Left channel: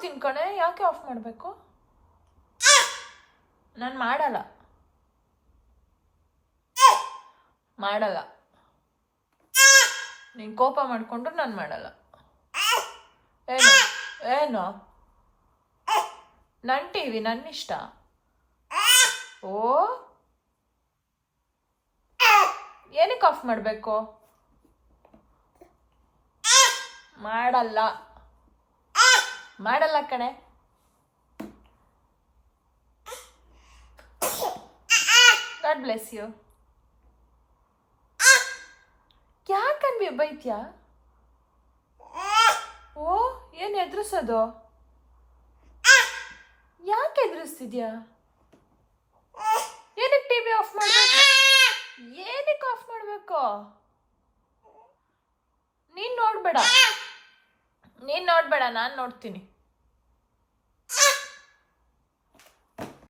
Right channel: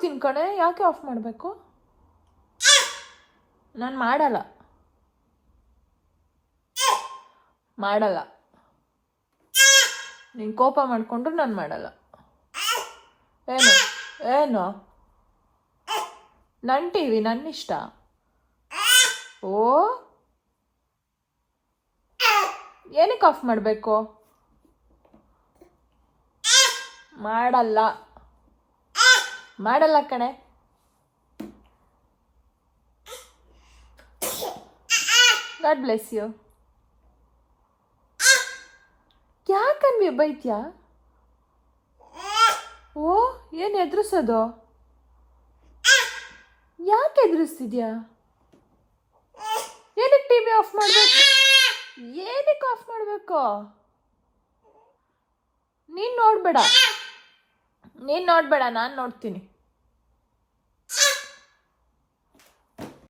ಮಾಡ್ತೀನಿ ಕಣೆ, ಯಾಕೆ ಆಫ್ ಮಾಡಬೇಕು? ನಾನು ಮಾಡಲ್ಲ ನೀನು ಕೋಪ ಮಾಡಿಕೊಂಡ್ರು ನಾನು ಮಾಡಲ್ಲ. ಏನು ಏನು ನನ್ನ ಟಿವಿ ನನ್ನ ಇಷ್ಟ. ಓ ಏನಕ್ಕೆ ಆಫ್ ಮಾಡಬೇಕು? ಮಾಡಲ್ಲ ಕಣೆ. God bless you. ಯಾಕನ್ವಿ ಬೈತ್ಯಾ? ಓ ಏನು ಎದುರಿಸೋದು? ಯಾಕೆ ಎದುರಿಸ್ತಿದ್ಯಾ? ಏನಕ್ಕೆ ಟಿವಿ ಆಫ್ ಮಾಡಬೇಕು? ಏನಕ್ಕೆ ಆಫ್ ಮಾಡಬೇಕು? ನೀನು ನೋಡ್ಬೇಡ, ನಾನು ನೋಡ್ತೀನಿ.